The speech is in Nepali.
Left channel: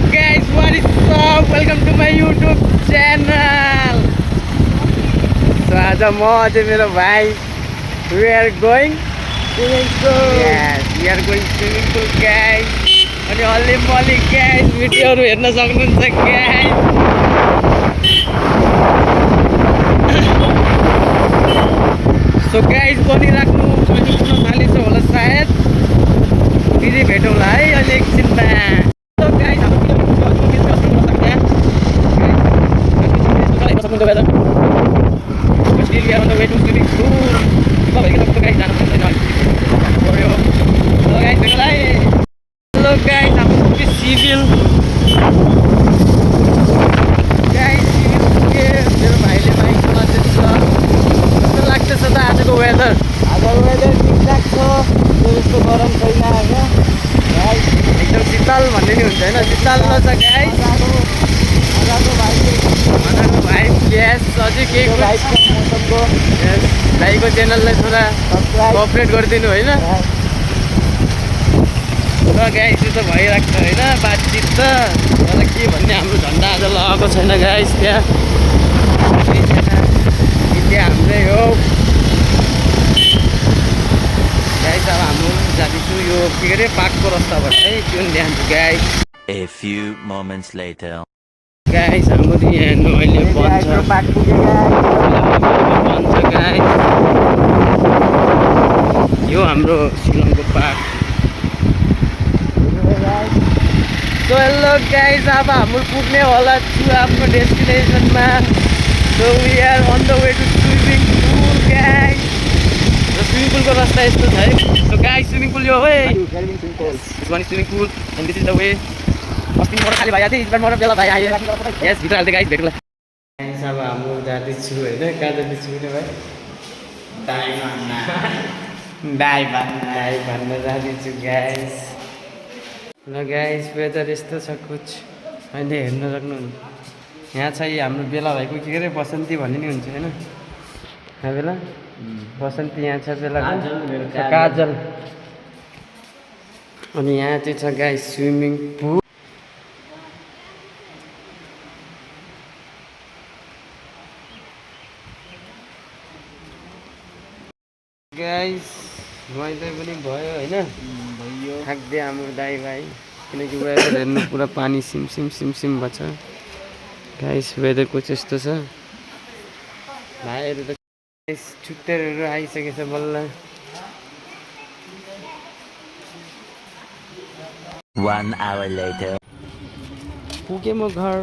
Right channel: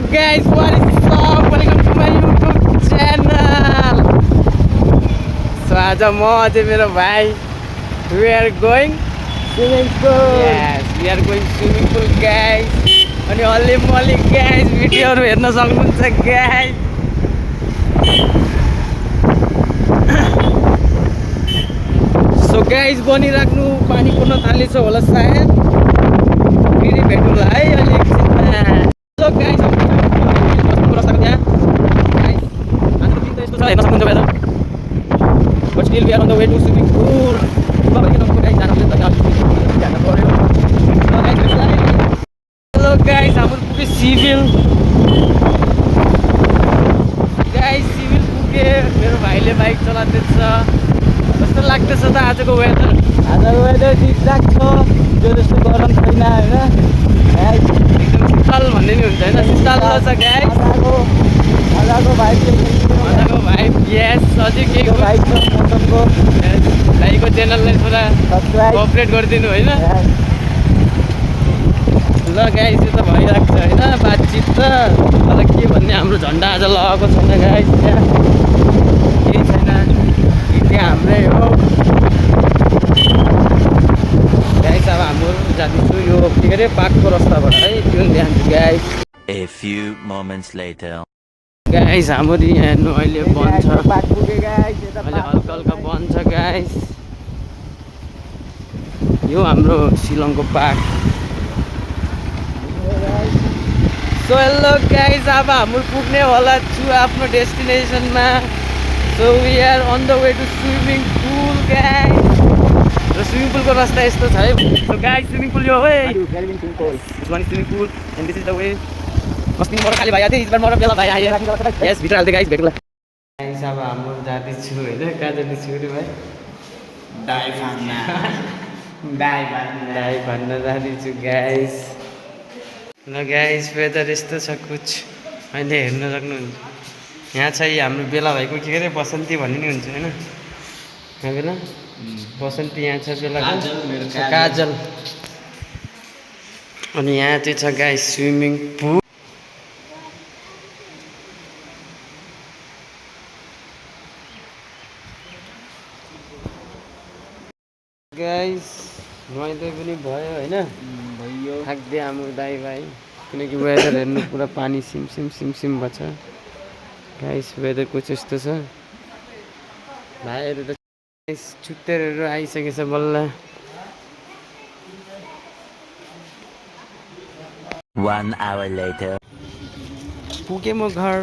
guys, what is up? Welcome to my YouTube channel. So आज म अझै मेरो भाइ we are going swimming pool. Yes, we are going swimming pool guys. अनि अलि मलि guys भिडियोहरु हेर्न सक्नुहुन्छ guys. So guys बनिराख्नु पानी पर्न थालेछ होला सायद. फेरि भेटौँला है अनि एकछिनमा. So guys but still we are on the way to swimming pool. So guys, जानु पर्यो. So guys, hello guys, I'm on the civil. Guys, civil पुगे मेरो भाइले बाइक चलाउँदैछ. कस्तो लाग्दैछ त आजको वेदर? आजको वेदर ठिकठाक छ. त्यो जस्तो गरम छैन हैन. गाइस एकदम शीतल भन्ने नि हुन्छ हैन. शीतल छ गाइस. मजाको भाइ यस अझै केही भाइ छ मौसमको यस भाइको च्यानललाई थोडा कोअपरेट गरिदिनु हैन. ल गाइस यो त भइरहेको छ हैन बातचित त. तर के भन्ने हाम्रो झन्डा आज लगाएको छैन गाइस. त्यहाँ केही छैन. इन्डिया हाम्रै हो गाइस. अब हाम्रो जाँदैछु यो के अरे पार्कको रास्ताबाट है. त्यो ल्यान्छु guys. A few moments later. Guys हाम्रो यहाँ हेर्नु अहिले बन्द छ. पार्क पुगे गाइस. बन्द छ गाइस. यो हाम्रो शिलङको पार्क. सो हेलो गाइस अब हाम्रो पुग्ने होला छु आफ्नो डेस्टिनेसनमा. So we are on the way to swimming pool guys. र स्विमिङ पुलको रास्ता यस्तो छ है. सो गाइस स्विमिङ पुल यो है. This one is swimming pool and this is the way. अस्ति मोर खाली भाइ आथे इस बार मोर बेला भाइ आयो. यस भित्र हाल्दै गाइस भेटौँला. गाइस अब हाम्रो जाँदैछु हैन. कहाँ जाँदैछु रे भाइ? डाइ भन्न जाँदैछु गाइस. ल गाइस वेदर यस्तो छ कुछ अहिले हेर्न सक्नुहुन्छ. यहाँ चाहिँ हाम्रो बेला भाइको के अरे बसन्ती भन्ने नि हुन्छ हैन. यहाँ बेला बसन्ती यहाँ छ बेलाको काजल. अनि यहाँ चाहिँ छ गाइस स्विमिङ पुल. गाइस रमाइलो पनि भयो हैन. थाक्दै हाम्रो दाइ भाइ किनकि वेदर हेर्नु पुरा पानी सिमसिम सिमसिम भएछ गाइस. वेदरको चाहिँ यस्तो छ. भाइहरू त छुट्टेरहरू आइसकेछ बल्ल. 1 hour later. पुगे म घर.